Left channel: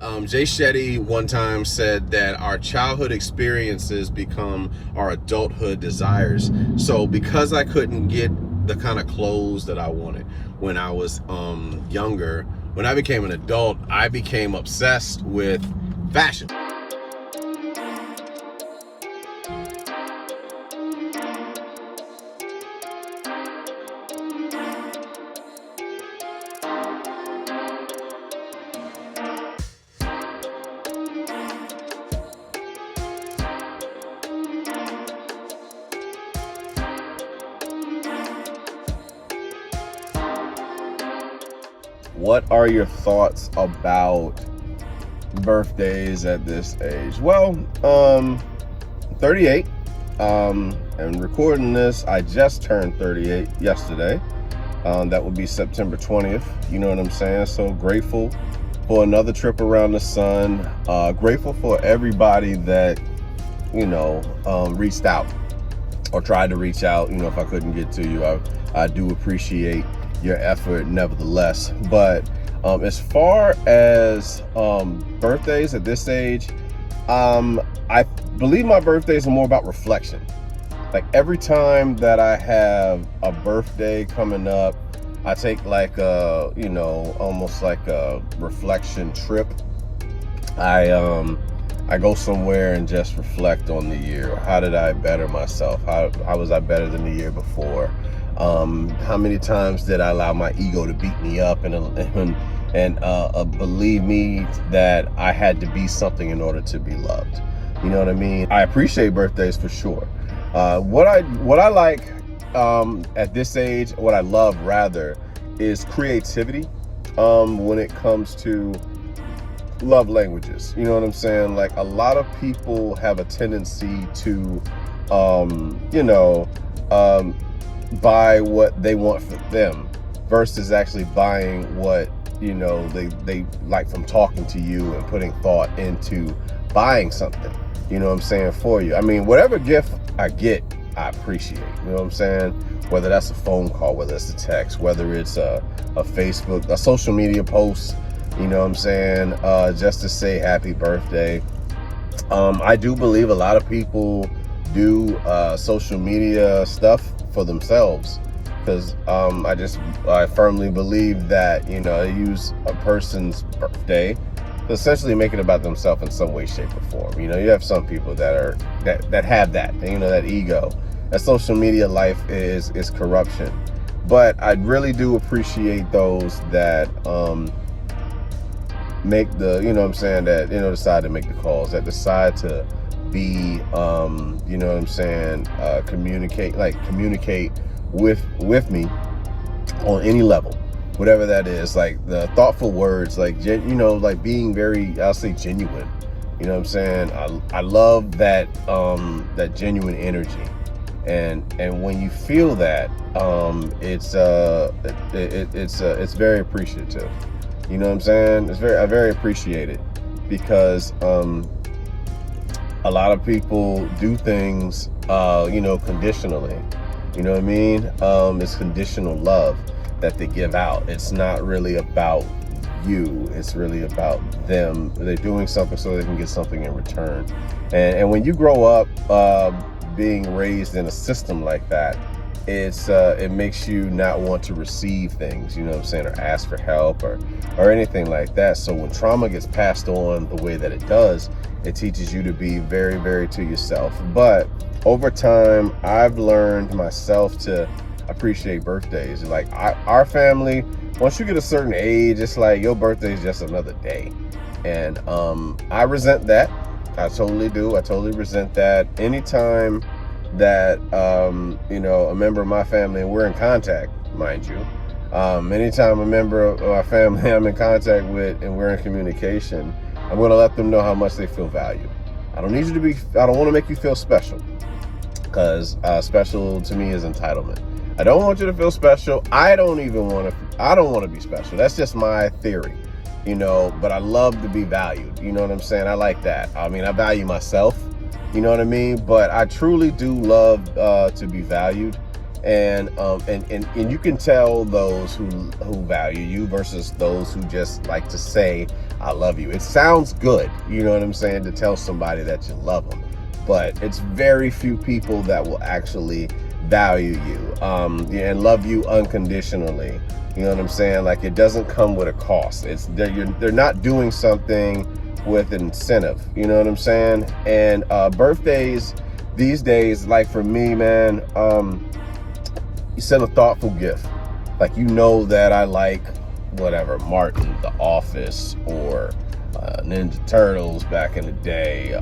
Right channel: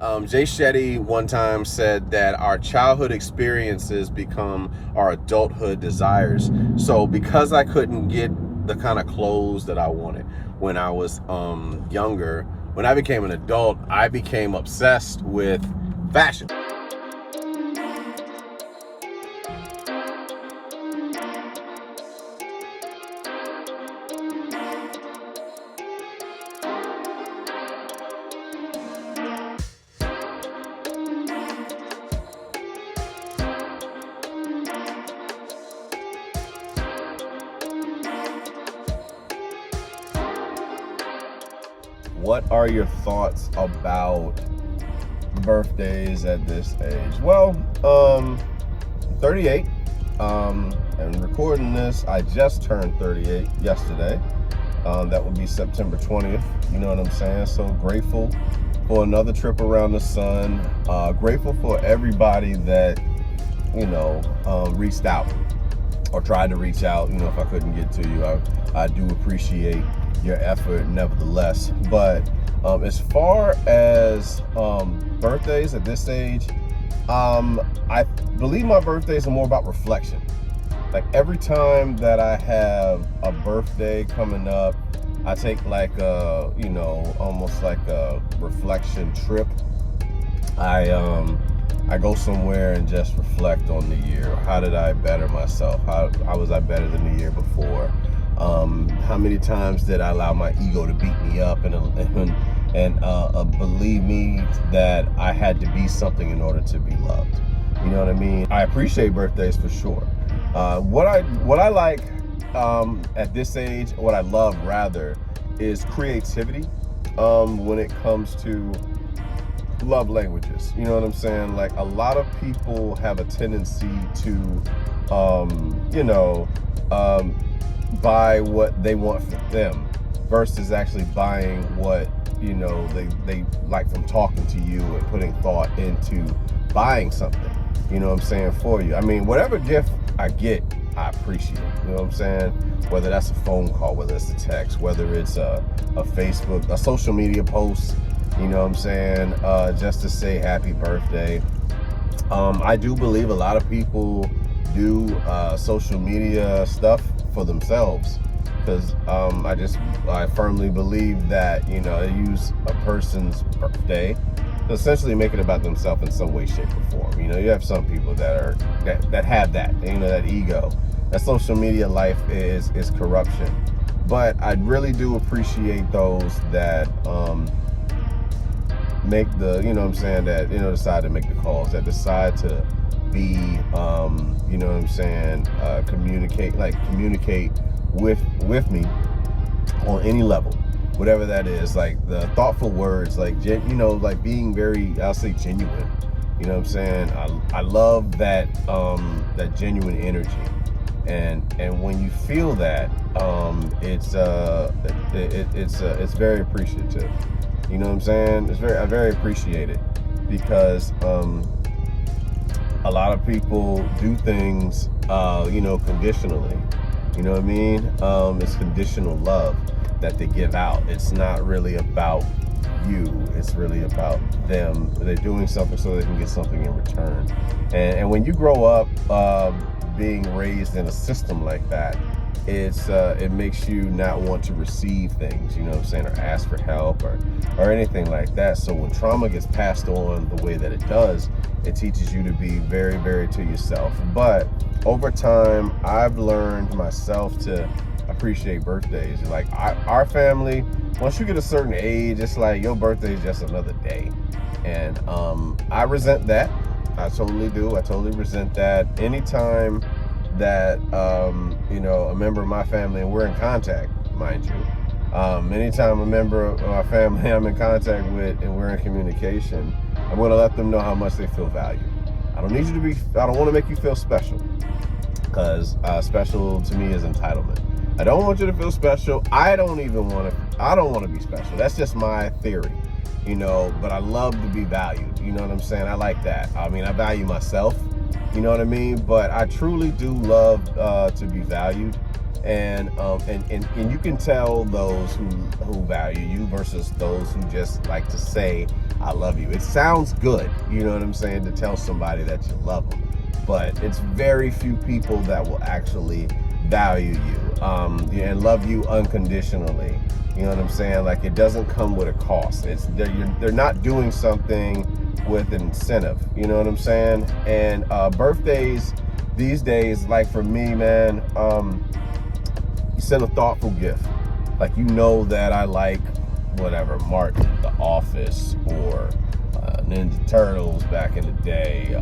Jay Shetty one time said that our childhood experiences become our adulthood desires. So because I couldn't get the kind of clothes that I wanted when I was younger, when I became an adult, I became obsessed with fashion. What are your thoughts about birthdays at this age? Well, 38, and recording this, I just turned 38 yesterday. That would be September 20th. You know what I'm saying? So grateful for another trip around the sun. Grateful for everybody that, reached out or tried to reach out. If I couldn't get to you, I do appreciate your effort nevertheless. But as far as birthdays at this age, I believe my birthdays are more about reflection. Like every time that I have a birthday coming up, I take like a, almost like a reflection trip. I go somewhere and just reflect on the year. How did I better myself? How was I better than the year before? How many times did I allow my ego to beat me up and believe me that I had to be something in order to be loved? You know what I mean? I appreciate birthdays for sure. What I like at this age, what I love rather, is creativity when it comes to love languages. You know what I'm saying? Like a lot of people have a tendency to, buy what they want for them versus actually buying what, they like from talking to you and putting thought into buying something, you know what I'm saying, for you. I mean, whatever gift I get, I appreciate, you know what I'm saying? Whether that's a phone call, whether it's a text, whether it's a Facebook, a social media post, you know what I'm saying, just to say happy birthday. I do believe a lot of people do social media stuff for themselves because I firmly believe that, they use a person's birthday to essentially make it about themselves in some way, shape, or form. You have some people that have that, that ego. That social media life is corruption. But I really do appreciate those that make the, that, decide to make the calls, that decide to be, communicate with me on any level, whatever that is, like the thoughtful words, like, like being very, I'll say genuine, you know what I'm saying? I love that, that genuine energy. And when you feel that, it's very appreciative. You know what I'm saying? I very appreciate it because, a lot of people do things, conditionally. You know what I mean? It's conditional love that they give out. It's not really about you. It's really about them. They're doing something so they can get something in return. And when you grow up being raised in a system like that, it makes you not want to receive things, you know what I'm saying, or ask for help or anything like that. So when trauma gets passed on the way that it does, it teaches you to be very, very to yourself. But over time, I've learned myself to appreciate birthdays. Like our family, once you get a certain age, it's like your birthday is just another day. And I resent that. I totally do. I totally resent that. Anytime that, a member of my family, and we're in contact, mind you, anytime a member of our family I'm in contact with and we're in communication, I'm going to let them know how much they feel valued. I don't want to make you feel special, because special to me is entitlement. I don't want you to feel special. I don't want to be special. That's just my theory, but I love to be valued. You know what I'm saying? I like that. I mean, I value myself, you know what I mean? But I truly do love to be valued. And you can tell those who value you versus those who just like to say, I love you. It sounds good, you know what I'm saying, to tell somebody that you love them, but it's very few people that will actually value you and love you unconditionally. You know what I'm saying? Like, it doesn't come with a cost. They're not doing something with an incentive. You know what I'm saying? And birthdays these days, like for me, man, you send a thoughtful gift. Like, you know that I like whatever, Martin, The Office, or Ninja Turtles back in the day,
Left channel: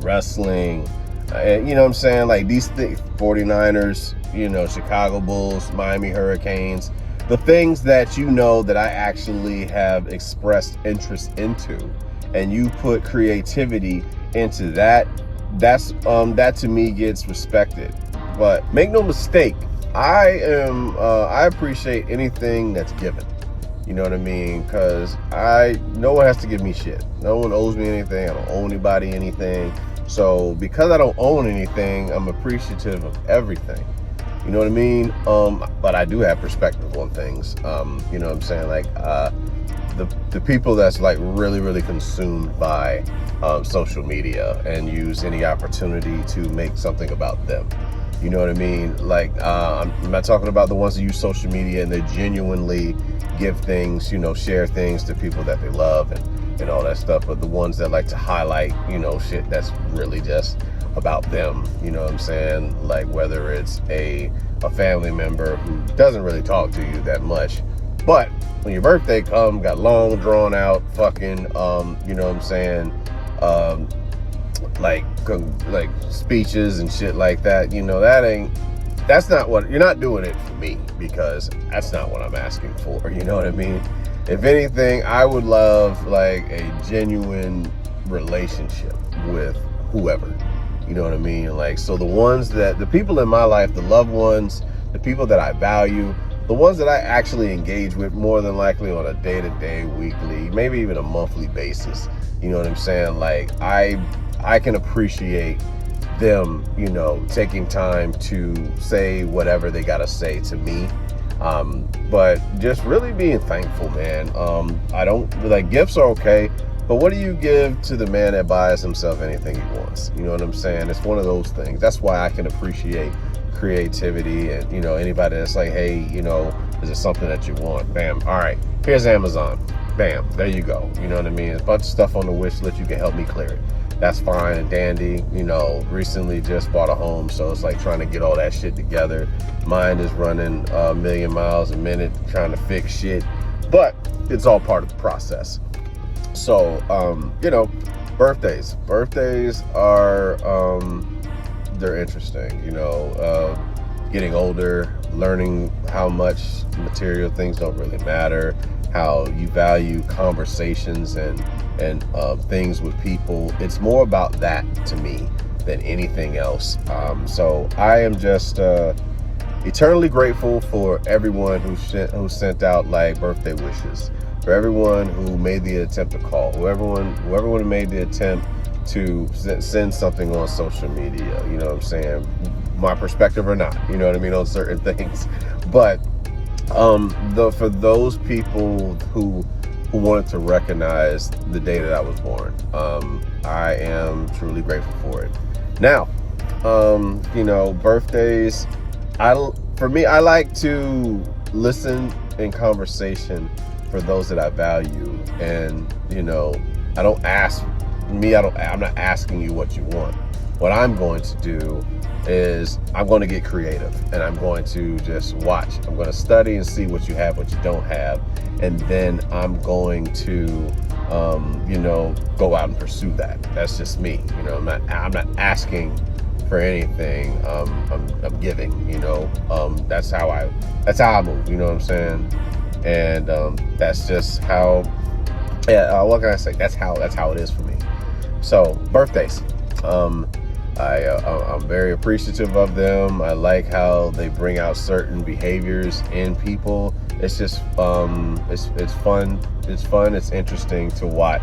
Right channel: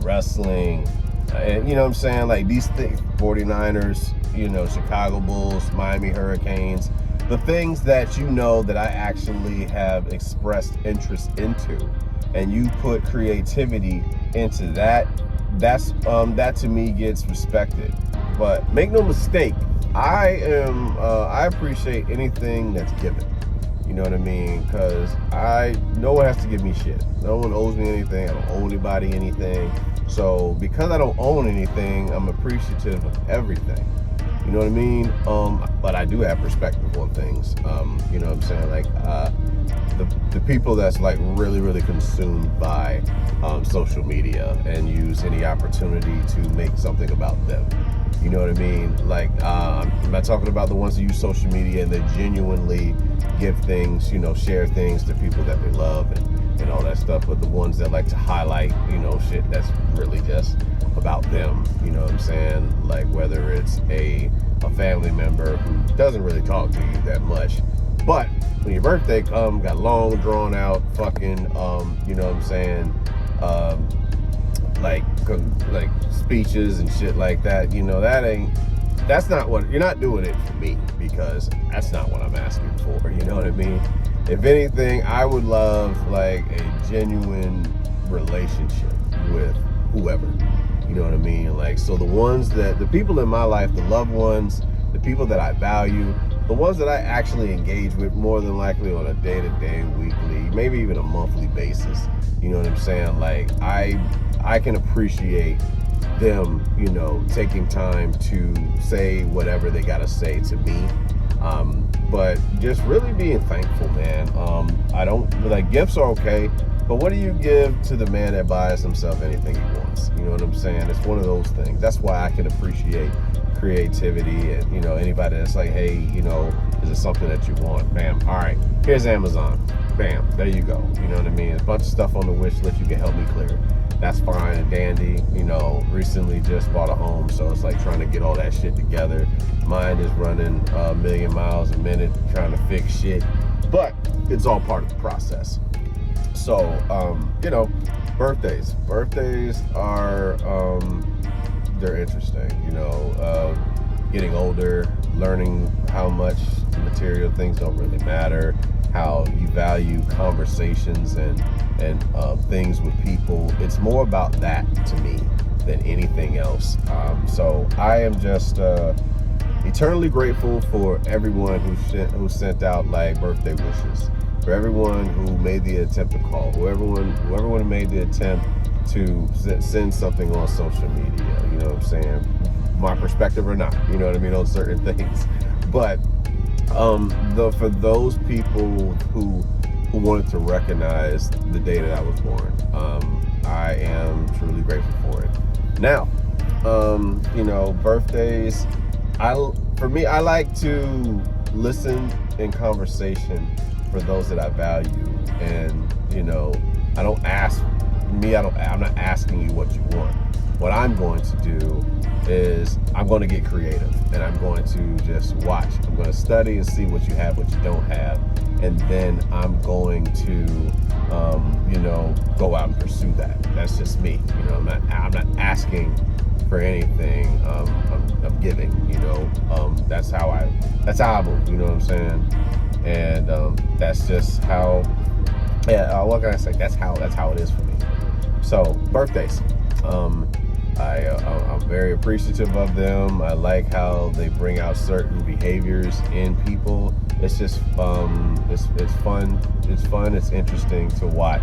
wrestling, and you know what I'm saying, like these things, 49ers, you know, Chicago Bulls, Miami Hurricanes, the things that you know that I actually have expressed interest into, and you put creativity into that, that to me gets respected. But make no mistake, I appreciate anything that's given. You know what I mean? Because no one has to give me shit. No one owes me anything. I don't owe anybody anything. So because I don't own anything, I'm appreciative of everything. You know what I mean? But I do have perspective on things. You know what I'm saying? Like the people that's like really, really consumed by social media and use any opportunity to make something about them. You know what I mean? Like, I'm not talking about the ones that use social media and they genuinely give things, you know, share things to people that they love and all that stuff, but the ones that like to highlight, you know, shit that's really just about them. You know what I'm saying? Like, whether it's a family member who doesn't really talk to you that much, but when your birthday comes, got long drawn out fucking, you know what I'm saying, like speeches and shit like that, you know, that's not what, you're not doing it for me, because that's not what I'm asking for. You know what I mean? If anything, I would love like a genuine relationship with whoever. You know what I mean? Like, so the people in my life, the loved ones, the people that I value, the ones that I actually engage with more than likely on a day-to-day, weekly, maybe even a monthly basis. You know what I'm saying? Like, I can appreciate them, you know, taking time to say whatever they gotta say to me. But just really being thankful, man. I don't, like, gifts are okay, but what do you give to the man that buys himself anything he wants? You know what I'm saying? It's one of those things. That's why I can appreciate creativity, and, you know, anybody that's like, hey, you know, is it something that you want? Bam, all right, here's Amazon. Bam, there you go. You know what I mean? A bunch of stuff on the wish list, you can help me clear it. That's fine and dandy. You know, recently just bought a home, so it's like trying to get all that shit together. Mine is running a million miles a minute trying to fix shit, but it's all part of the process. So, you know, birthdays are, they're interesting, you know, getting older, learning how much material things don't really matter, how you value conversations and things with people. It's more about that to me than anything else. So I am just eternally grateful for everyone who sent out like birthday wishes, for everyone who made the attempt to call, whoever made the attempt to send something on social media. You know what I'm saying? My perspective or not, you know what I mean, on certain things. But for those people who wanted to recognize the day that I was born, I am truly grateful for it. Now, you know, birthdays, for me, I like to listen in conversation for those that I value, and, you know, I'm not asking you what you want. What I'm going to do is I'm going to get creative, and I'm going to just watch. I'm going to study and see what you have, what you don't have, and then I'm going to, you know, go out and pursue that. That's just me. You know, I'm not asking for anything. I'm giving. You know, that's how I move. You know what I'm saying? And that's just how. Yeah. What can I say? That's how it is for me. So birthdays. I'm very appreciative of them. I like how they bring out certain behaviors in people. It's just it's fun. It's interesting to watch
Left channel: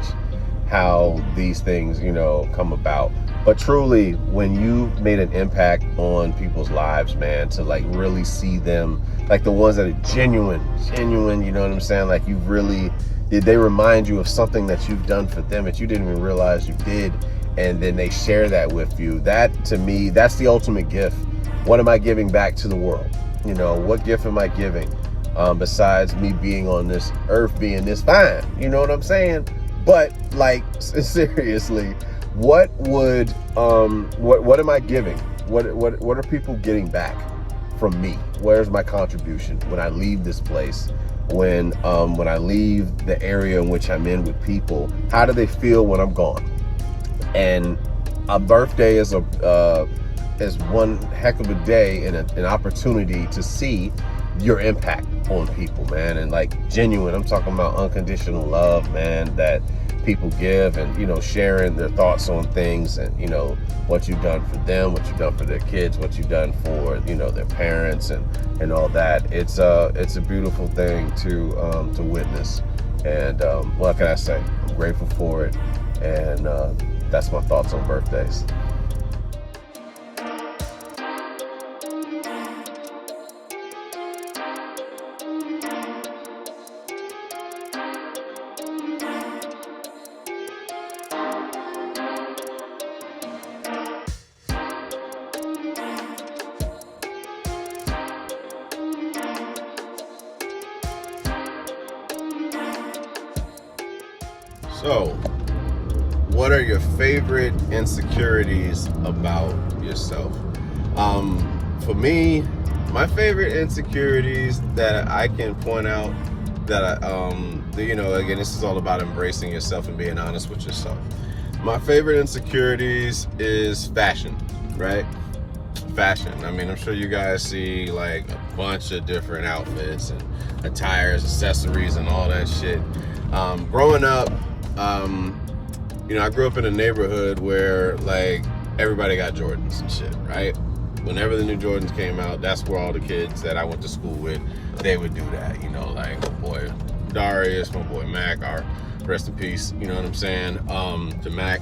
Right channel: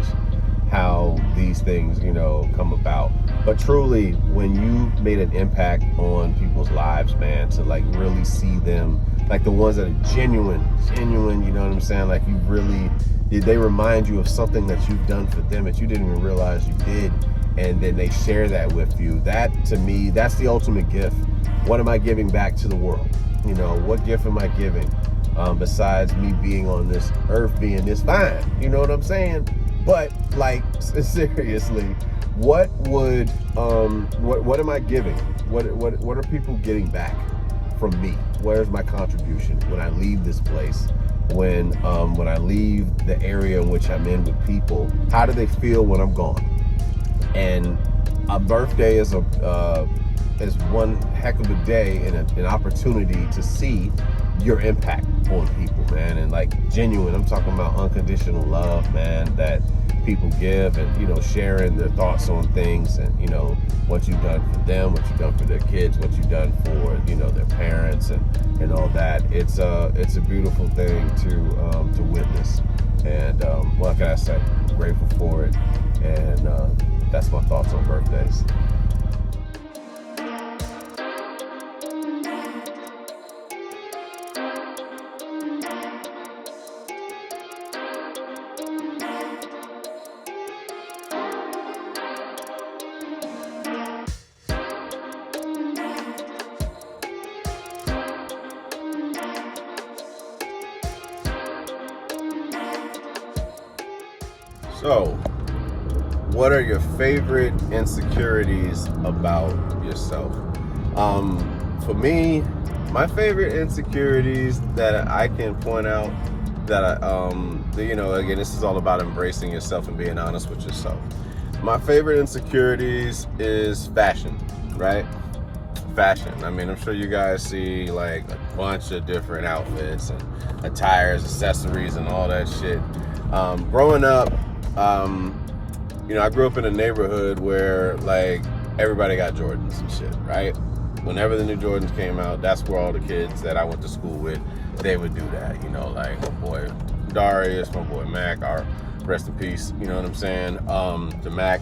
how these things, you know, come about. But truly, when you made an impact on people's lives, man, to like really see them, like the ones that are genuine, you know what I'm saying? Like you really, they remind you of something that you've done for them that you didn't even realize you did. And then they share that with you. That, to me, that's the ultimate gift. What am I giving back to the world? You know, what gift am I giving? Besides me being on this earth being this fine, you know what I'm saying? But like, seriously, what am I giving? What are people getting back from me? Where's my contribution when I leave this place? When I leave the area in which I'm in with people, how do they feel when I'm gone? And a birthday is one heck of a day and an opportunity to see your impact on people, man. And like genuine, I'm talking about unconditional love, man, that people give, and, you know, sharing their thoughts on things, and, you know, what you've done for them, what you've done for their kids, what you've done for, you know, their parents, and all that. It's a beautiful thing to witness. And what can I say? I'm grateful for it. And that's my thoughts on birthdays. So, what are your favorite insecurities about yourself? For me, my favorite insecurities that I can point out that you know, again, this is all about embracing yourself and being honest with yourself. My favorite insecurities is fashion, right? Fashion. I mean, I'm sure you guys see like a bunch of different outfits and attires, accessories, and all that shit. Growing up, you know, I grew up in a neighborhood where like everybody got Jordans and shit, right? Whenever the new Jordans came out, that's where all the kids that I went to school with, they would do that. You know, like my boy Darius, my boy Mac, our rest in peace, you know what I'm saying? To Mac,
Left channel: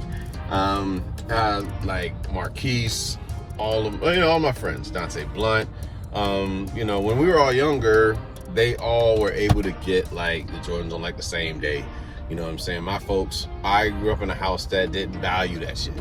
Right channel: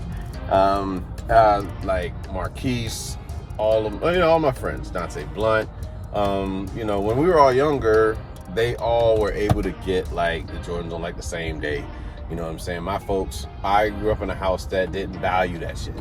like Marquise, all of, you know, all my friends, Dante Blunt. You know, when we were all younger, they all were able to get like the Jordans on like the same day. You know what I'm saying? My folks, I grew up in a house that didn't value that shit.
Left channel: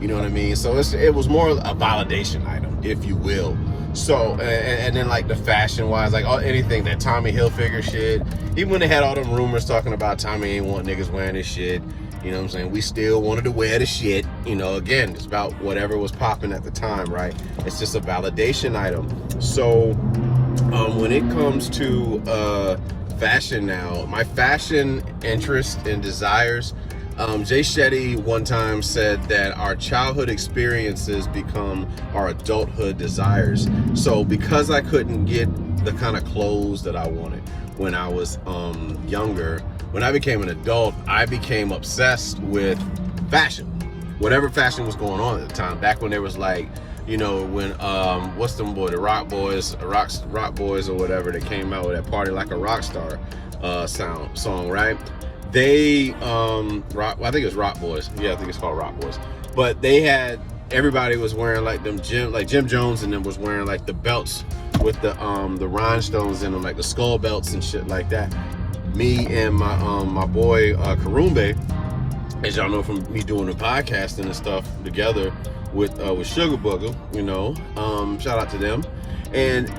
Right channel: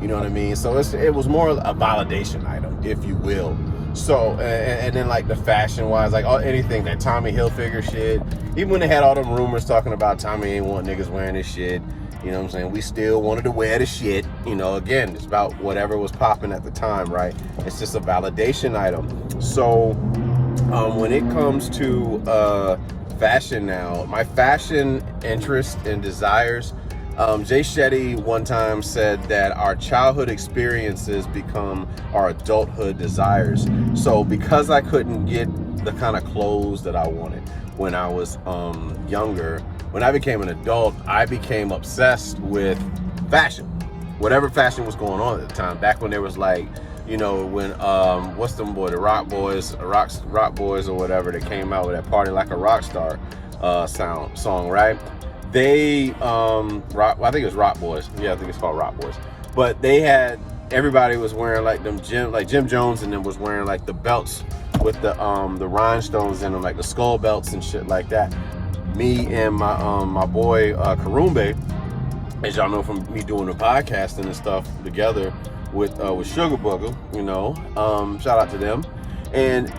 You know what I mean? So it was more a validation item, if you will. So, and then like the fashion wise, like anything that Tommy Hilfiger shit, even when they had all them rumors talking about Tommy ain't want niggas wearing this shit, you know what I'm saying? We still wanted to wear the shit. You know, again, it's about whatever was popping at the time, right? It's just a validation item. So, when it comes to fashion now, my fashion interest and desires, J.E.T. one time said that our childhood experiences become our adulthood desires. So because I couldn't get the kind of clothes that I wanted when I was younger, when I became an adult, I became obsessed with fashion. Whatever fashion was going on at the time, back when there was like, you know, when what's them boy, the Rock Boys or whatever, that came out with that Party Like a Rock Star song, right? They I think it was Rock Boys. Yeah, I think it's called Rock Boys. But they had, everybody was wearing like them Jim Jones, and then was wearing like the belts with the rhinestones in them, like the skull belts and shit like that. Me and my boy Karumbe, as y'all know from me doing the podcasting and stuff together with Sugar Booger, you know, shout out to them. And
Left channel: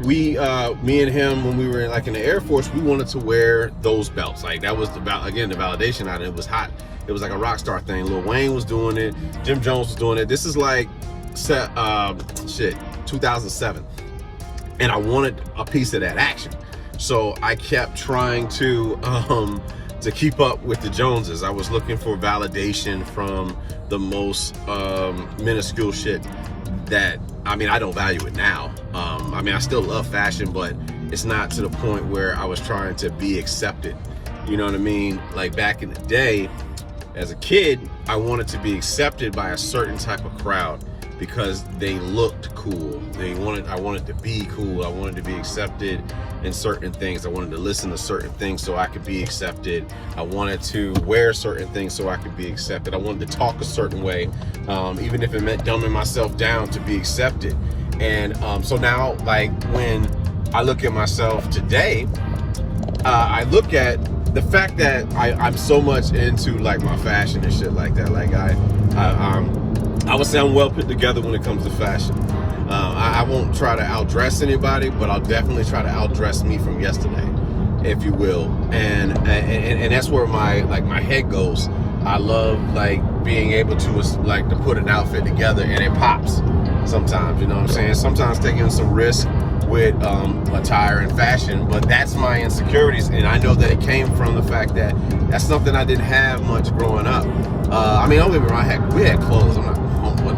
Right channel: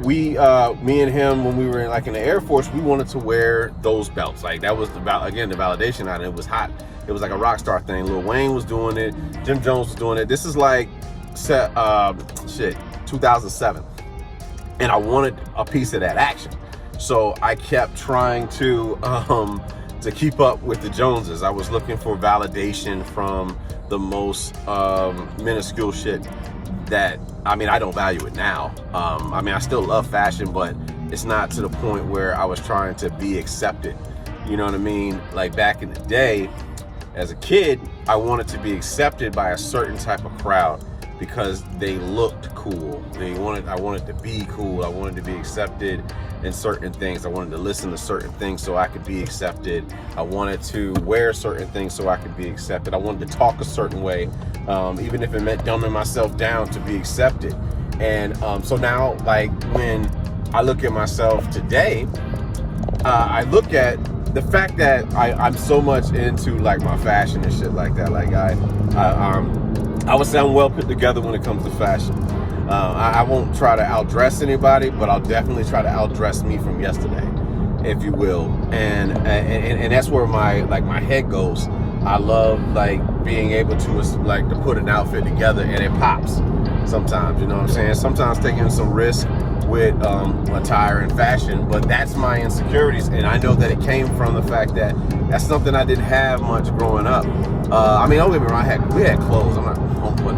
we, me and him, when we were in the Air Force, we wanted to wear those belts. Like that was the validation item. It was hot. It was like a rock star thing. Lil Wayne was doing it. Jim Jones was doing it. This is like 2007, and I wanted a piece of that action. So I kept trying to keep up with the Joneses. I was looking for validation from the most minuscule shit that, I mean, I don't value it now. I mean, I still love fashion, but it's not to the point where I was trying to be accepted. You know what I mean? Like back in the day, as a kid, I wanted to be accepted by a certain type of crowd because they looked cool. I wanted to be cool. I wanted to be accepted in certain things. I wanted to listen to certain things so I could be accepted. I wanted to wear certain things so I could be accepted. I wanted to talk a certain way, even if it meant dumbing myself down to be accepted. And so now, like, when I look at myself today, I look at the fact that I'm so much into like my fashion and shit like that. Like I would say I'm well put together when it comes to fashion. I won't try to outdress anybody, but I'll definitely try to outdress me from yesterday, if you will. And that's where my head goes. I love like being able to put an outfit together and it pops sometimes, you know what I'm saying? Sometimes taking some risk with attire and fashion, but that's my insecurities, and I know that it came from the fact that that's something I didn't have much growing up. I mean, don't get me wrong, we had clothes. I'm not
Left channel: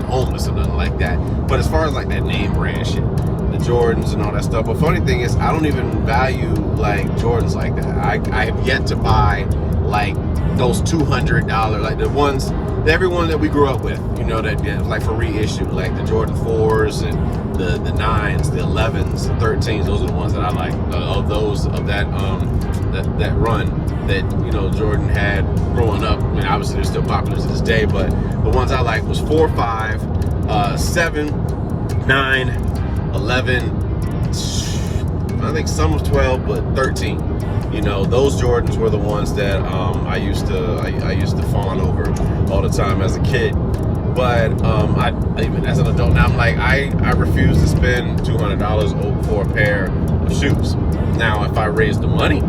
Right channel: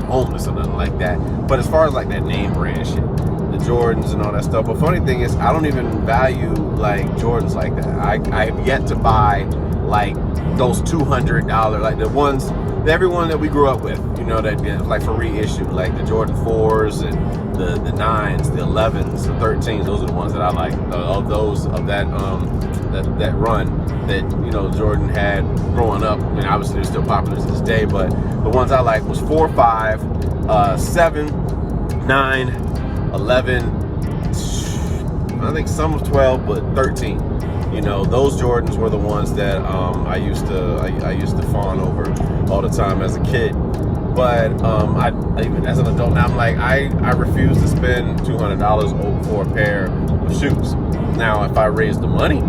homeless or nothing like that, but as far as like that name brand shit, the Jordans and all that stuff. But funny thing is, I don't even value like Jordans like that. I have yet to buy like those $200, like the ones, everyone that we grew up with, you know, that like for reissue, like the Jordan 4s and the 9s, the 11s, the 13s. Those are the ones that I like. Of that run that, you know, Jordan had growing up. I mean, obviously they're still popular to this day, but the ones I like was 4, 5, 7, 9, 11. I think some of 12, but 13. You know, those Jordans were the ones that I used to fawn over all the time as a kid. But I even as an adult now, I'm like, I refuse to spend $200 for a pair of shoes. Now, if I raise the money,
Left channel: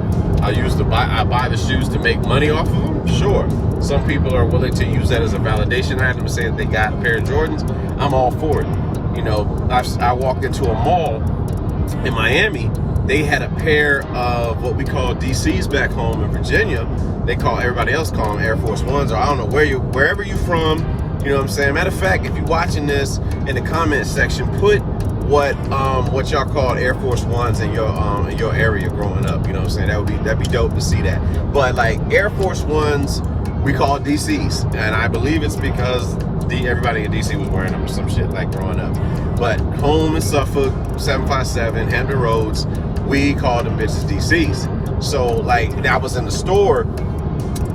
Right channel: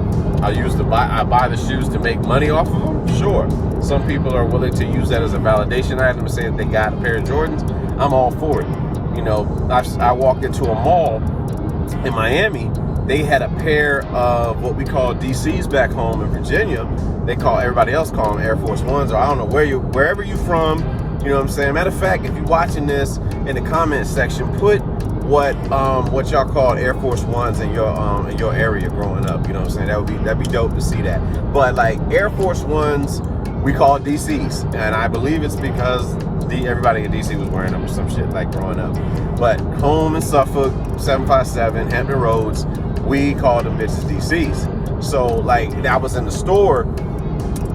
I buy the shoes to make money off of them. Sure, some people are willing to use that as a validation item, saying they got a pair of Jordans. I'm all for it. You know, I walked into a mall in Miami. They had a pair of what we call DCs back home in Virginia. Everybody else call them Air Force Ones, or I don't know wherever you're from. You know what I'm saying? Matter of fact, if you're watching this in the comment section, put what y'all called Air Force Ones in your area growing up. You know what I'm saying? That'd be dope to see that. But like Air Force Ones, we call it DCs, and I believe it's because everybody in DC was wearing them or some shit like growing up. But home in Suffolk, 757 Hampton Roads, we called them bitches DCs. So like I was in the store,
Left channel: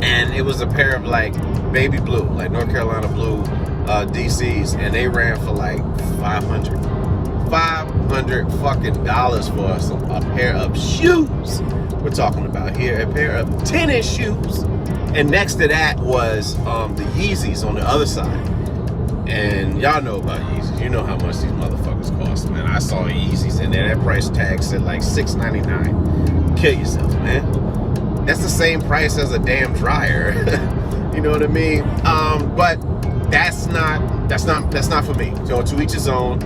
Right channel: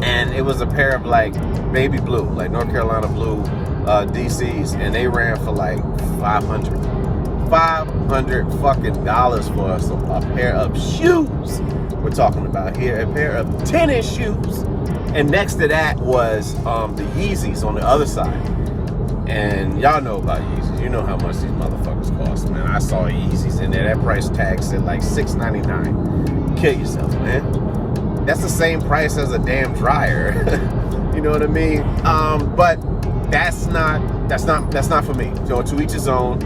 and it was a pair of like baby blue, like North Carolina blue DCs, and they ran for like $500 fucking dollars for a pair of shoes. We're talking about here a pair of tennis shoes, and next to that was the Yeezys on the other side. And y'all know about Yeezys. You know how much these motherfuckers cost, man. I saw Yeezys in there. That price tag said like $6.99. Kill yourself, man. That's the same price as a damn dryer. You know what I mean? But that's not for me. So to each his own.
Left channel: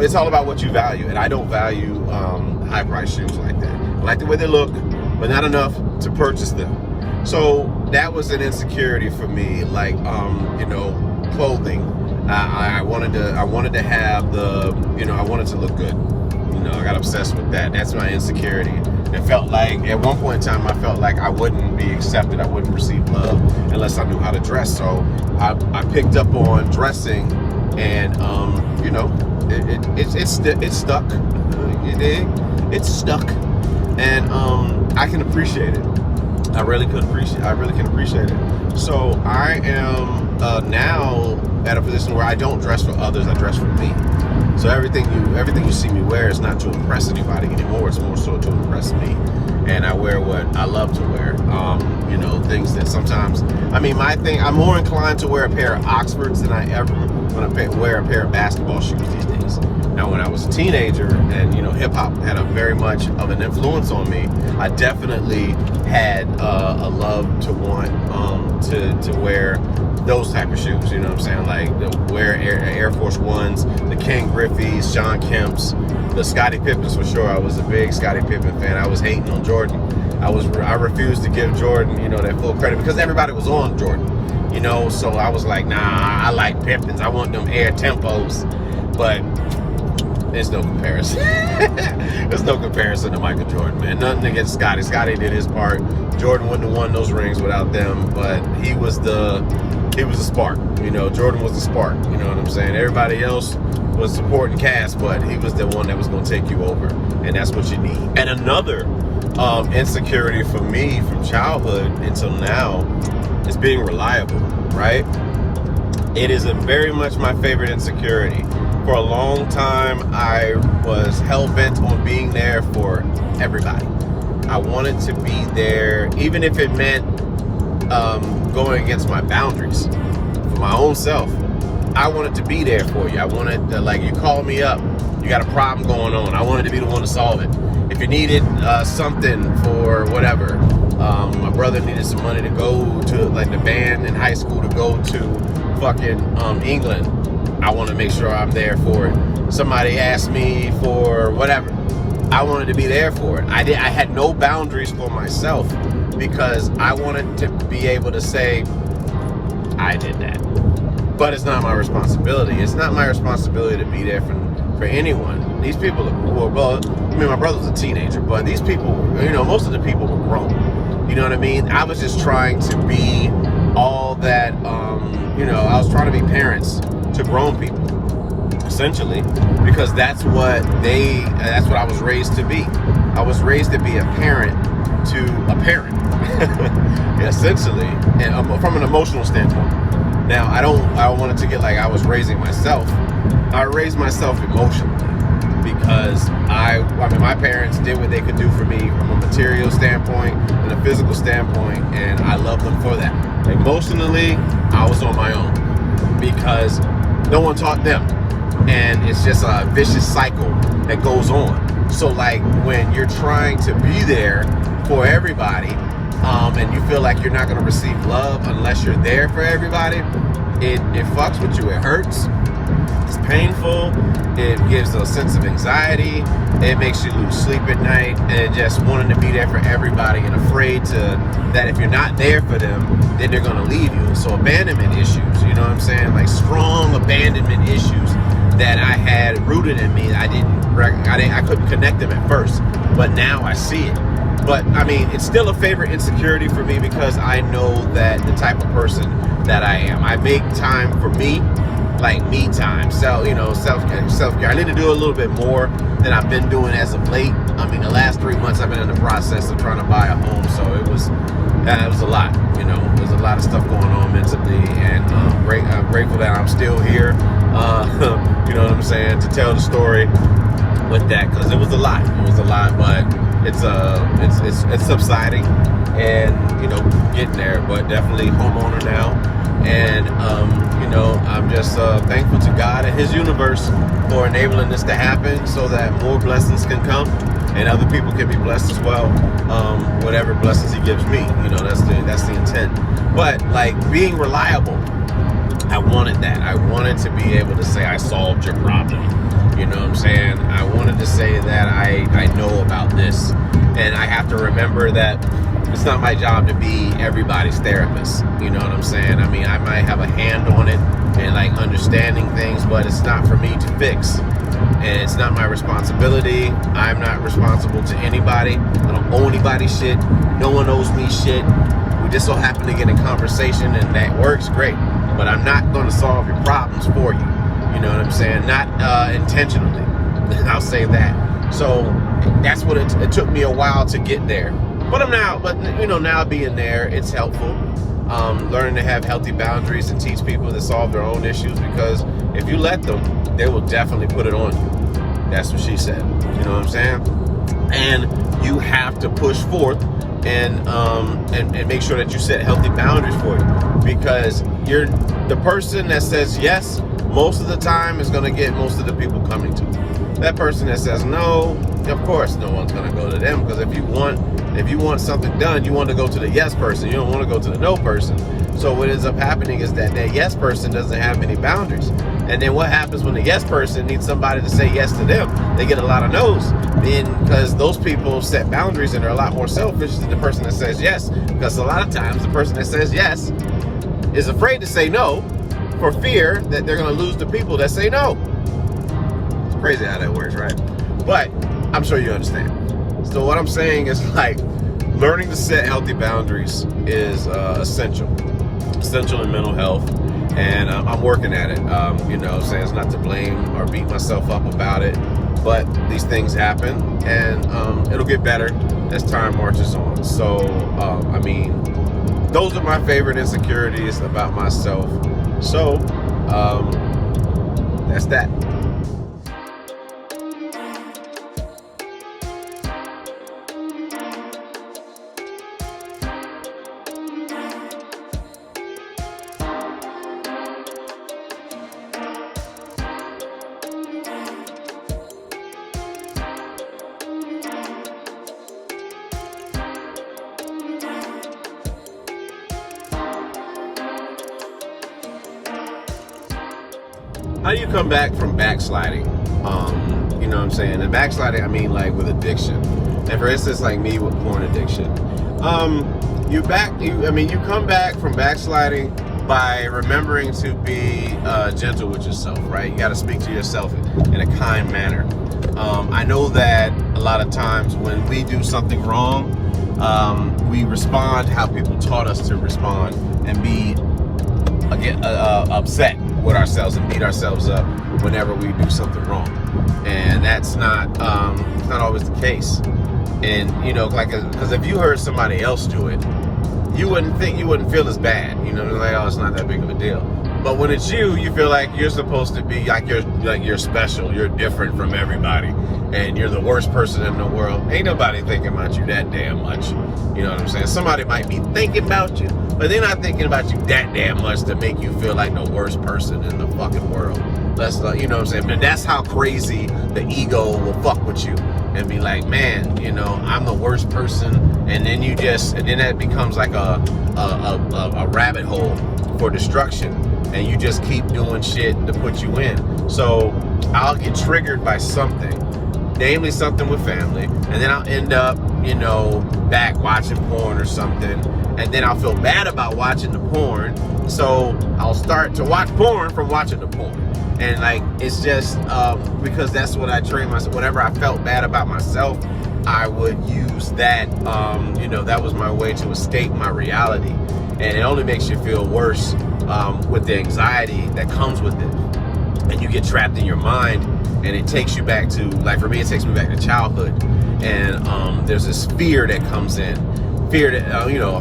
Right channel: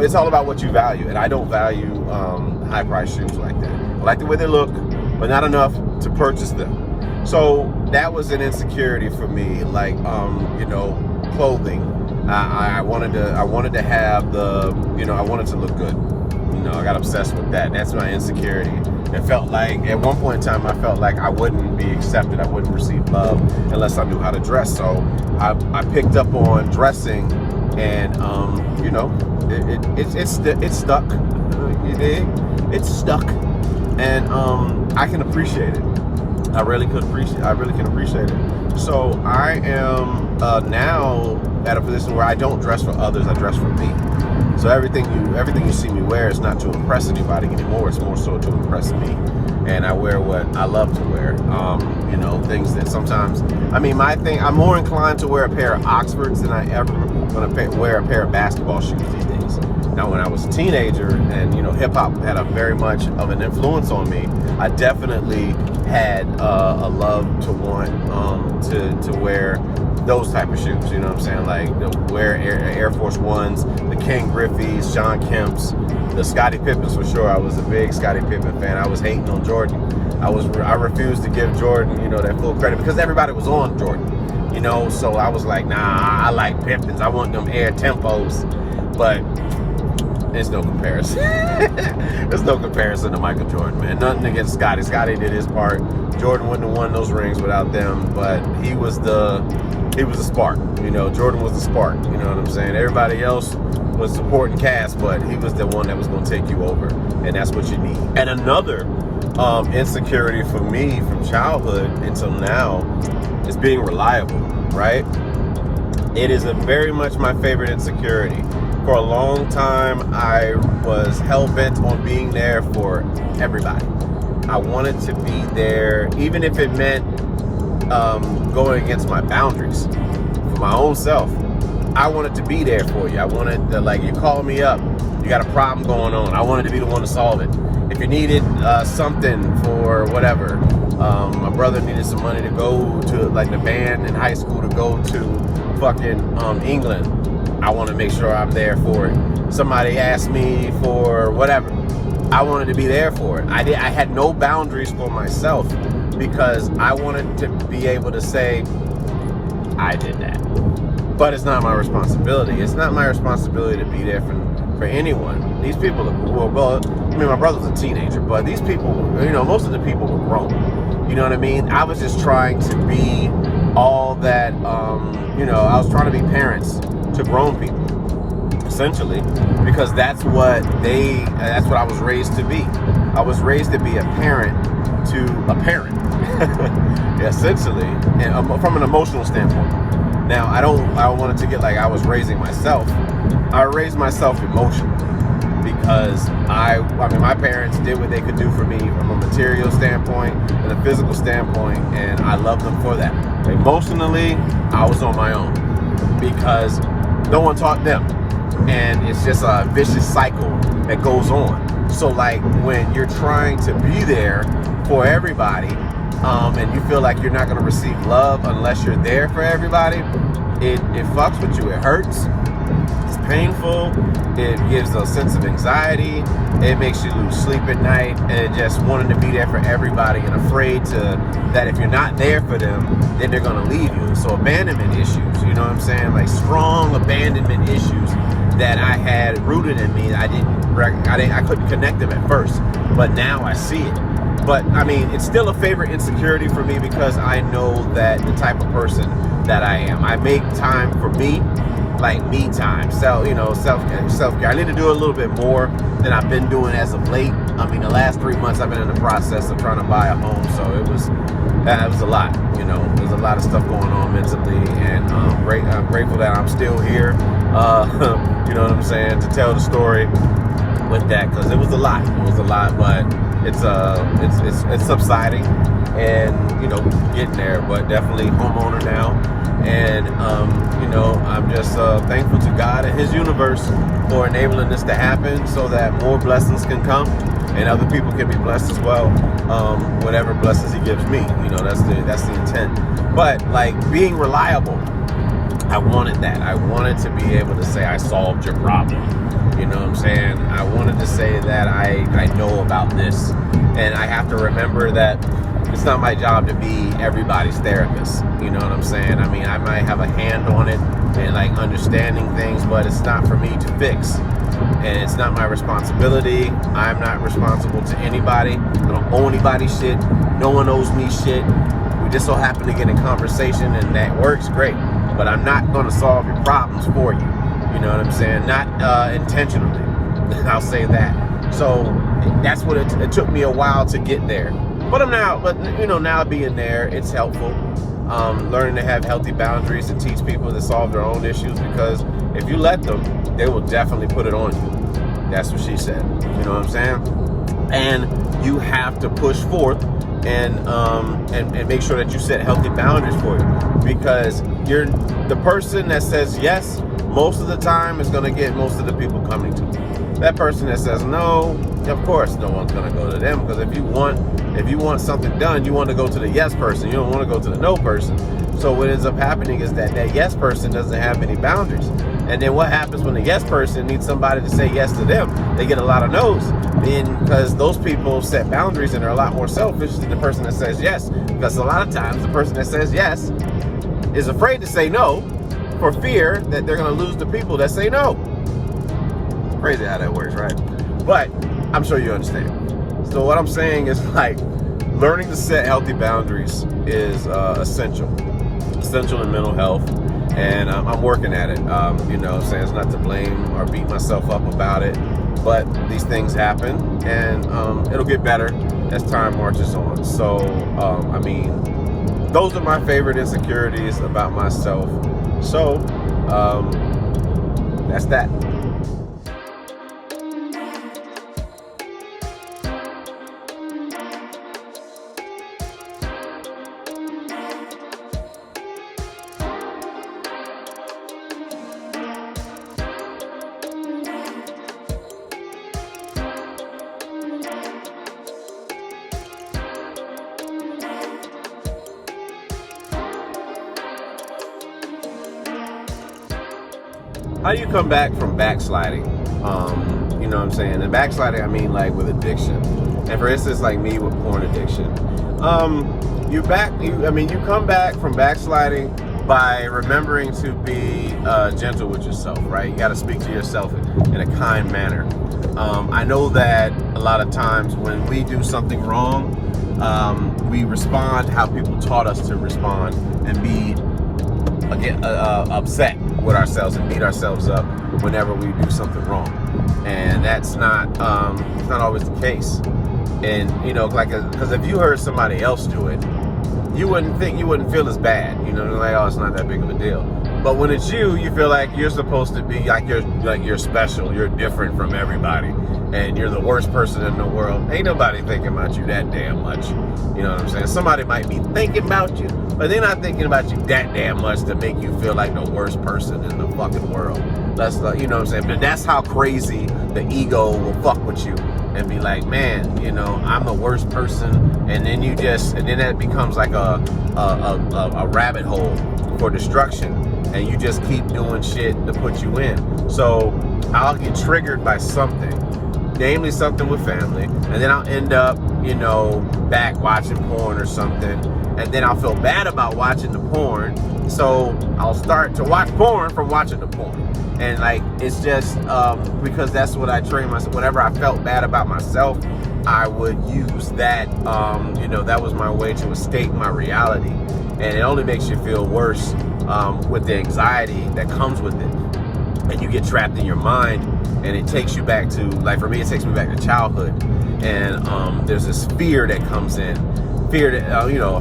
It's all about what you value, and I don't value high price shoes like that. I like the way they look, but not enough to purchase them. So that was an insecurity for me. Like you know, clothing. I wanted to have I wanted to look good. You know, I got obsessed with that. That's my insecurity. It felt like, at one point in time, I felt like I wouldn't be accepted. I wouldn't receive love unless I knew how to dress. So I picked up on dressing, and you know, it's stuck. It's stuck, and I can appreciate it. I really can appreciate it. So I am now at a position where I don't dress for others. I dress for me. So everything you see me wear is not to impress anybody anymore. It's more so to impress me. And I wear what I love to wear. You know, things that sometimes, I'm more inclined to wear a pair of Oxfords than I ever want to wear a pair of basketball shoes these days. Now, when I was a teenager, and you know, hip hop had a very much of an influence on me, I definitely had a love to want to wear those type of shoes. You know what I'm saying? Like wear Air Force Ones, the Ken Griffey's, Sean Kemp's, the Scottie Pippens for sure. I was a big Scottie Pippen fan. I was hating on Jordan. I refused to give Jordan, you know, that full credit because everybody was on Jordan. You know, so I was like, nah, I like Pippins. I want them Air Tempos. But There's no comparison. There's no comparison to Michael Jordan, man. Nothing against Scottie. Scottie did his part. Jordan wouldn't have won those rings without them, but he was the spark. You know, Jordan was the spark. You know what I'm saying? Everybody else was supporting cast, but he was the one that was going to take you over, and that's what you need. And another insecurity for me from childhood until now is being reliable, right? It is very much my favorite insecurity. For a long time, I was hell-bent on being there for everybody. I wanted to be there, even if it meant going against my boundaries for my own self. I wanted to be there for you. I wanted to, like, you call me up, you got a problem going on, I wanted to be the one to solve it. If you needed something for whatever, my brother needed some money to go to, like, the band in high school to go to fucking England, I want to make sure I'm there for it. Somebody asked me for whatever, I wanted to be there for it. I had no boundaries for myself because I wanted to be able to say, I did that. But it's not my responsibility. It's not my responsibility to be there for anyone. These people, well, I mean, my brother was a teenager, but these people, you know, most of the people were grown. You know what I mean? I was just trying to be all that, you know, I was trying to be parents to grown people, essentially, because that's what I was raised to be. I was raised to be a parent to a parent, essentially, and from an emotional standpoint. Now, I don't want it to get like I was raising myself. I raised myself emotionally because I mean, my parents did what they could do for me from a material standpoint and a physical standpoint, and I love them for that. Emotionally, I was on my own because no one taught them, and it's just a vicious cycle that goes on. So, like, when you're trying to be there for everybody, and you feel like you're not going to receive love unless you're there for everybody, it fucks with you. It hurts. It's painful. It gives a sense of anxiety. It makes you lose sleep at night, and just wanting to be there for everybody and afraid that if you're not there for them, then they're going to leave you. So abandonment issues, you know what I'm saying? Like strong abandonment issues that I had rooted in me. I couldn't connect them at first, but now I see it. But I mean, it's still a favorite insecurity for me because I know that the type of person that I am. I make time for me, like me time. So, you know, self-care. I need to do a little bit more than I've been doing as of late. I mean, the last 3 months I've been in the process of trying to buy a home, so it was a lot. You know, there's a lot of stuff going on mentally, and I'm grateful that I'm still here. You know what I'm saying, to tell the story with that, because it was a lot. It was a lot, but it's subsiding, and you know, getting there. But definitely homeowner now, and you know, I'm just thankful to God and His universe for enabling this to happen, so that more blessings can come and other people can be blessed as well. Whatever blessings He gives me, you know, that's the intent. But like being reliable, I wanted that. I wanted to be able to say I solved your problem. You know what I'm saying? I wanted to say that I know about this. And I have to remember that it's not my job to be everybody's therapist. You know what I'm saying? I mean, I might have a hand on it and like understanding things, but it's not for me to fix. And it's not my responsibility. I'm not responsible to anybody. I don't owe anybody shit. No one owes me shit. We just so happen to get in conversation, and that works great. But I'm not going to solve your problems for you. You know what I'm saying? Not intentionally. I'll say that. So that's what it took me a while to get there. But now being there, it's helpful. Learning to have healthy boundaries and teach people to solve their own issues, because if you let them, they will definitely put it on you. That's what she said. You know what I'm saying? And you have to push forth and make sure that you set healthy boundaries for you, because you're the person that says yes most of the time is going to get most of the people coming to you. That person that says no, of course no one's going to go to them, because if you want something done, you want to go to the yes person. You don't want to go to the no person. So what ends up happening is that yes person doesn't have any boundaries. And then what happens when the yes person needs somebody to say yes to them? They get a lot of no's. Because those people set boundaries and are a lot more selfish than the person that says yes. Because a lot of times the person that says yes is afraid to say no for fear that they're going to lose the people that say no. Crazy how that works, right? But I'm sure you understand. So what I'm saying is, like, learning to set healthy boundaries is essential in mental health, and I'm working at it. You know, saying it's not to blame or beat myself up about it, but these things happen, and it'll get better as time marches on. So, I mean, those are my favorite insecurities about myself. So, that's that. How do you come back from backsliding? You know what I'm saying? And backsliding, I mean, like, with addiction. And for instance, like me with porn addiction. You come back from backsliding by remembering to be gentle with yourself, right? You got to speak to yourself in a kind manner. I know that a lot of times when we do something wrong, we respond how people taught us to respond, and be upset with ourselves and beat ourselves up whenever we do something wrong, and that's not it's not always the case. And you know, like, because if you heard somebody else do it, you wouldn't feel as bad. You know, like, oh, it's not that big of a deal. But when it's you feel like you're supposed to be like you're special, you're different from everybody, and you're the worst person in the world. Ain't nobody thinking about you that damn much. You know what I'm saying? Somebody might be thinking about you, but they're not thinking about you that damn much to make you feel like the worst person in the fucking world. That's you know what I'm saying? But that's how crazy the ego will fuck with you and be like, man, you know, I'm the worst person, and then that becomes like a rabbit hole for destruction, and you just keep doing shit to put you in. So I'll get triggered by something, namely something with family, and then I'll end up, you know, back watching porn or something, and then I'll feel bad about watching the porn, so I'll start to watch porn from watching the porn. And like, it's just because that's what I trained myself. Whenever I felt bad about myself, I would use that, you know, that was my way to escape my reality. And it only makes you feel worse with the anxiety that comes with it. And you get trapped in your mind, and it takes you back to, like, for me, it takes me back to childhood. And there's this fear that comes in. Fear that, you know,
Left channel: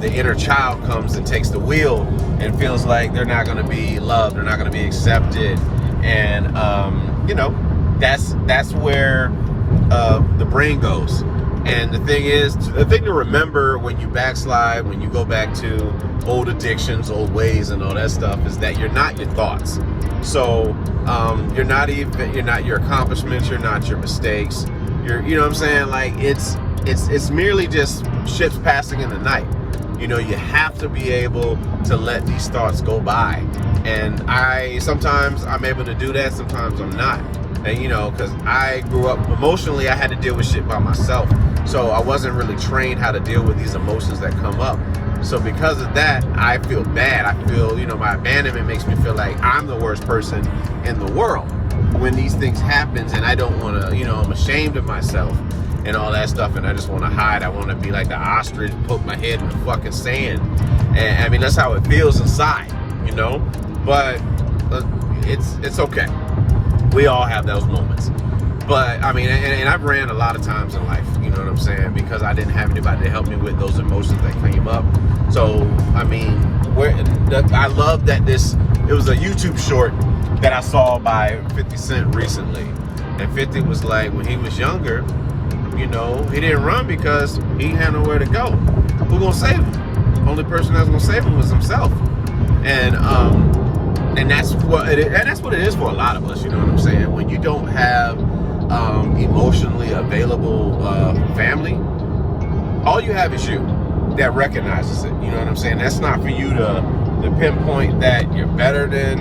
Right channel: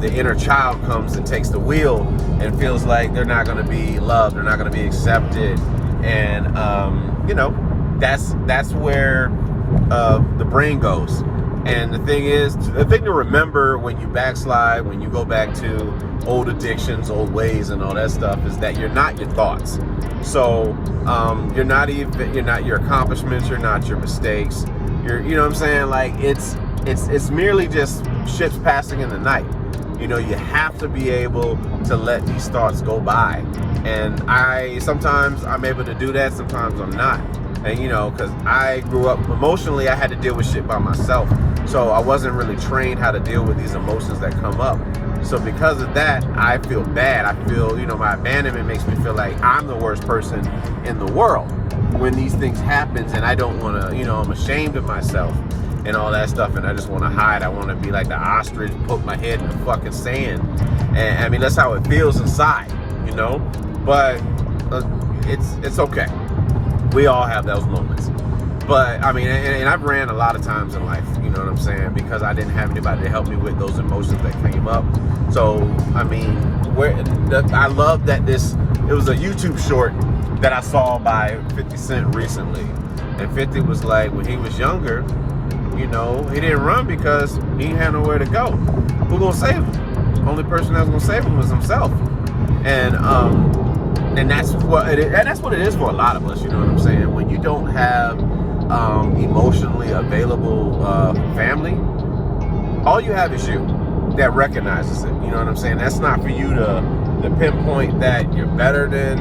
the inner child comes and takes the wheel and feels like they're not going to be loved, they're not going to be accepted. And, you know, that's where the brain goes. And the thing to remember when you backslide, when you go back to old addictions, old ways, and all that stuff, is that you're not your thoughts. So you're not your accomplishments, you're not your mistakes. You know what I'm saying? Like, it's merely just ships passing in the night. You know, you have to be able to let these thoughts go by. And sometimes I'm able to do that, sometimes I'm not. And, you know, because I grew up emotionally, I had to deal with shit by myself. So I wasn't really trained how to deal with these emotions that come up. So because of that, I feel bad. I feel, you know, my abandonment makes me feel like I'm the worst person in the world when these things happen, and I don't want to, you know, I'm ashamed of myself and all that stuff, and I just want to hide. I want to be like the ostrich, poke my head in the fucking sand. And I mean, that's how it feels inside, you know. But it's okay. We all have those moments. But I mean, and I've ran a lot of times in life, you know what I'm saying, because I didn't have anybody to help me with those emotions that came up. So I mean, I love that it was a YouTube short that I saw by 50 Cent recently, and 50 was like, when he was younger, you know, he didn't run because he had nowhere to go. Who gonna save him? Only person that's gonna save him was himself. And that's what it is for a lot of us. You know what I'm saying? When you don't have emotionally available family, all you have is you that recognizes it. You know what I'm saying? That's not for you to pinpoint that you're better than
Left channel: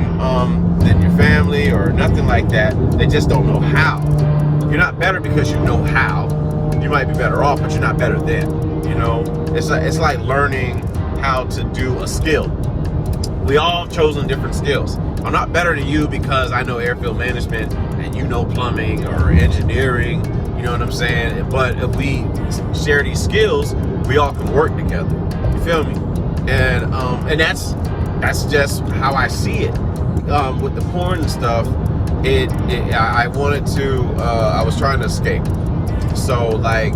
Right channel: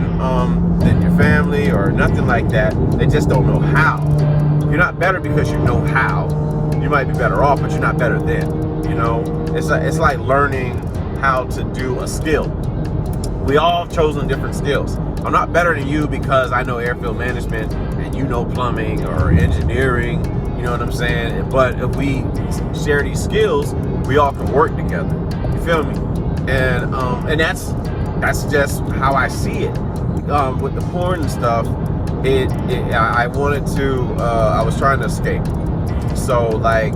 your family or nothing like that. They just don't know how. You're not better because you know how. You might be better off, but you're not better than. You know, it's like learning how to do a skill. We all have chosen different skills. I'm not better than you because I know airfield management and you know plumbing or engineering, you know what I'm saying? But if we share these skills, we all can work together. You feel me? And that's just how I see it. With the porn and stuff, I wanted to, I was trying to escape. So like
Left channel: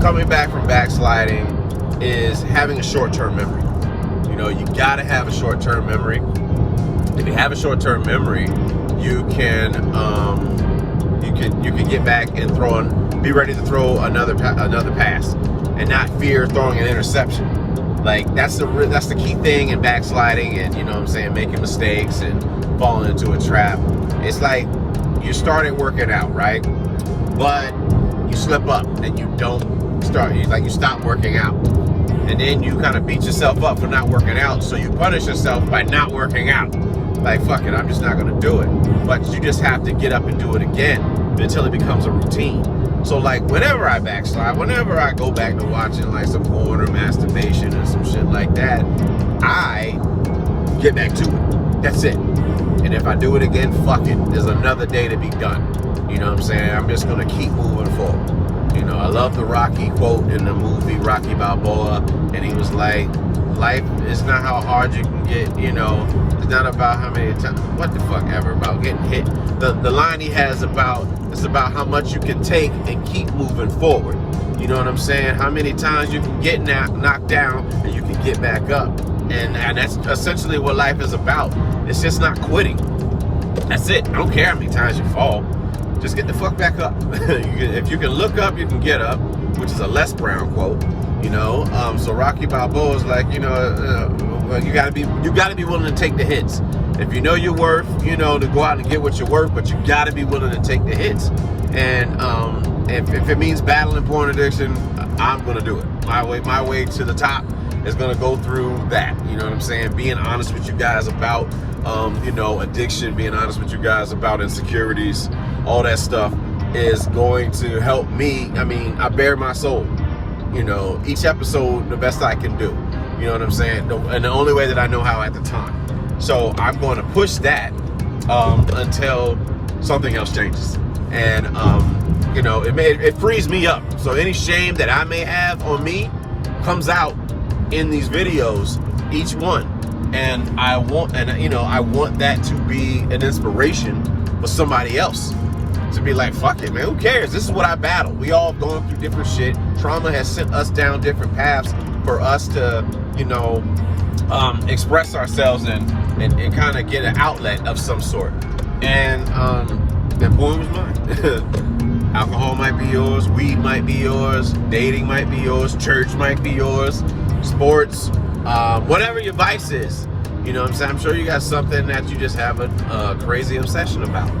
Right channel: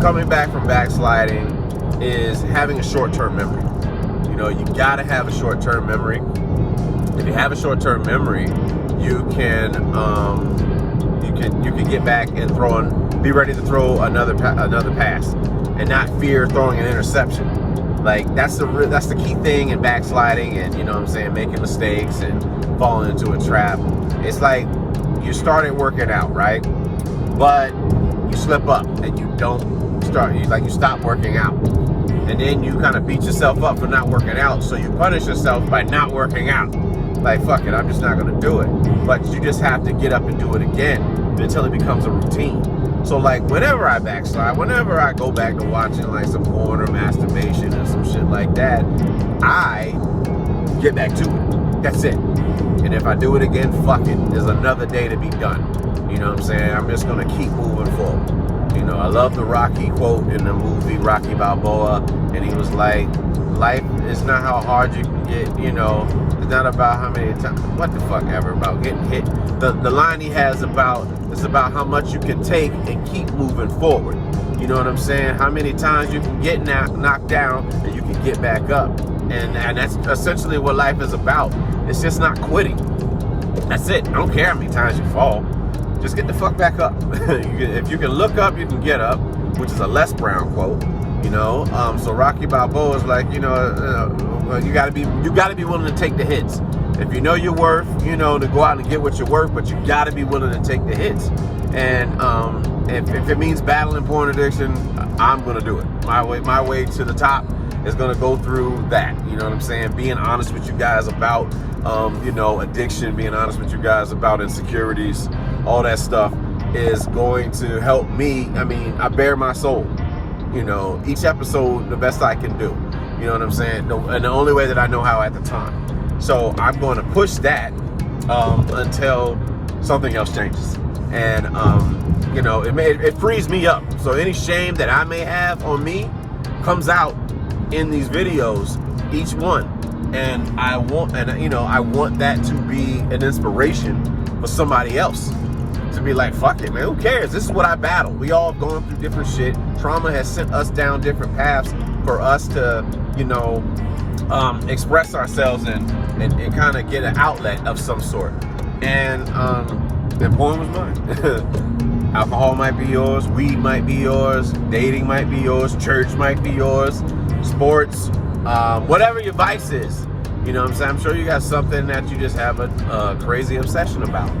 coming back from backsliding is having a short-term memory. You know, you gotta have a short-term memory. If you have a short-term memory, you can get back and be ready to throw another pass, and not fear throwing an interception. Like that's the key thing in backsliding, and you know what I'm saying, making mistakes and falling into a trap. It's like you started working out, right? But you slip up and you don't start. You stop working out, and then you kind of beat yourself up for not working out. So you punish yourself by not working out. Like, fuck it, I'm just not gonna do it. But you just have to get up and do it again until it becomes a routine. So like whenever I backslide, whenever I go back to watching like some porn or masturbation or some shit like that, I get back to it. That's it. And if I do it again, fuck it. There's another day to be done. You know what I'm saying? I'm just gonna keep moving forward. You know, I love the Rocky quote in the movie Rocky Balboa, and he was like, life is not how hard you can get, you know, it's not about how many times, what the fuck ever, about getting hit. The line he has it's about how much you can take and keep moving forward. You know what I'm saying? How many times you can get knocked down and you can get back up. And that's essentially what life is about. It's just not quitting. That's it. I don't care how many times you fall. Just get the fuck back up. If you can look up, you can get up, which is a Les Brown quote. You know, so Rocky Balboa is like, you know, you gotta be willing to take the hits. If you know your worth, you know, to go out and get what you're worth, but you gotta be willing to take the hits. And if it means battling porn addiction, I'm gonna do it. My way to the top is gonna go through that. You know what I'm saying? Being honest with you guys about, you know, addiction, being honest with you guys about insecurities, all that stuff is going to help me. I mean, I bare my soul. You know, each episode the best I can do. You know what I'm saying? And the only way that I know how at the time. So I'm going to push that until something else changes. And you know, it frees me up. So any shame that I may have on me comes out in these videos, each one. And I want that to be an inspiration for somebody else. To be like, fuck it, man, who cares? This is what I battle. We all have gone through different shit. Trauma has sent us down different paths for us to, you know, express ourselves and kind of get an outlet of some sort. And that porn was mine. Alcohol might be yours, weed might be yours, dating might be yours, church might be yours, sports, whatever your vice is. You know what I'm saying? I'm sure you got something that you just have a crazy obsession about.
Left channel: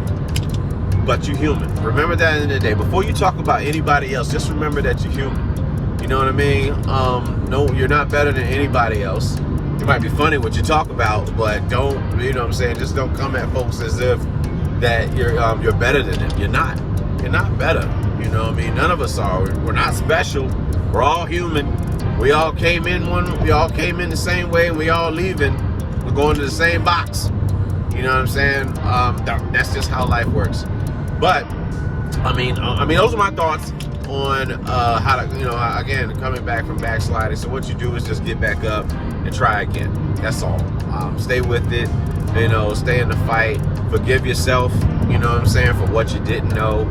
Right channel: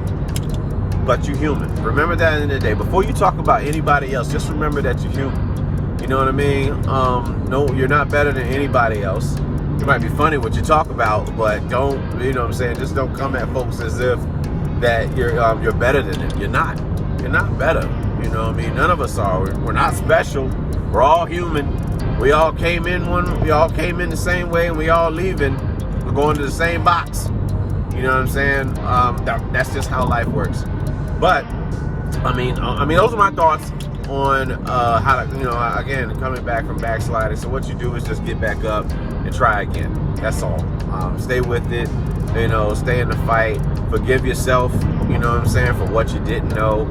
But you're human. Remember that in the day. Before you talk about anybody else, just remember that you're human. You know what I mean? No, you're not better than anybody else. You might be funny what you talk about, but don't, you know what I'm saying? Just don't come at folks as if that you're better than them. You're not. You're not better. You know what I mean? None of us are. We're not special. We're all human. We all came in the same way, and we all leaving. We're going to the same box. You know what I'm saying? That's just how life works. But I mean, those are my thoughts on how to, you know, again, coming back from backsliding. So what you do is just get back up and try again. That's all. Stay with it. You know, stay in the fight. Forgive yourself. You know what I'm saying, for what you didn't know.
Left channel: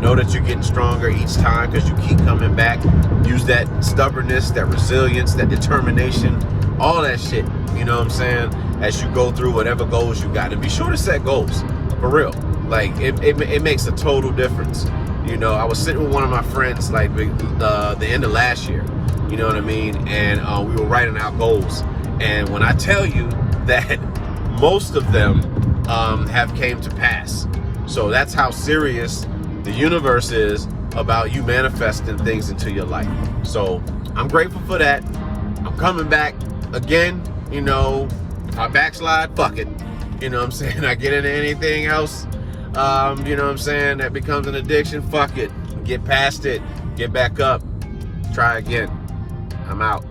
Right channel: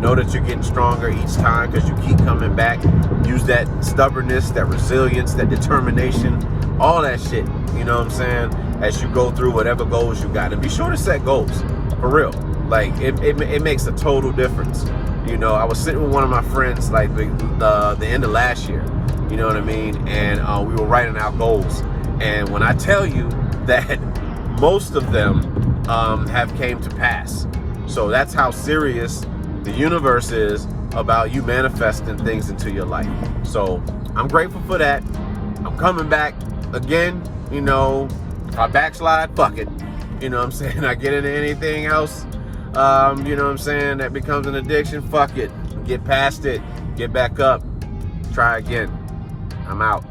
Know that you're getting stronger each time because you keep coming back. Use that stubbornness, that resilience, that determination, all that shit. You know what I'm saying? As you go through whatever goals you got, and be sure to set goals for real. Like it makes a total difference. You know, I was sitting with one of my friends like the end of last year. You know what I mean? And we were writing out goals. And when I tell you that most of them have came to pass, so that's how serious the universe is about you manifesting things into your life. So I'm grateful for that. I'm coming back again. You know, if I backslide, fuck it. You know what I'm saying? I get into anything else, you know what I'm saying, that becomes an addiction, fuck it. Get past it. Get back up. Try again. I'm out.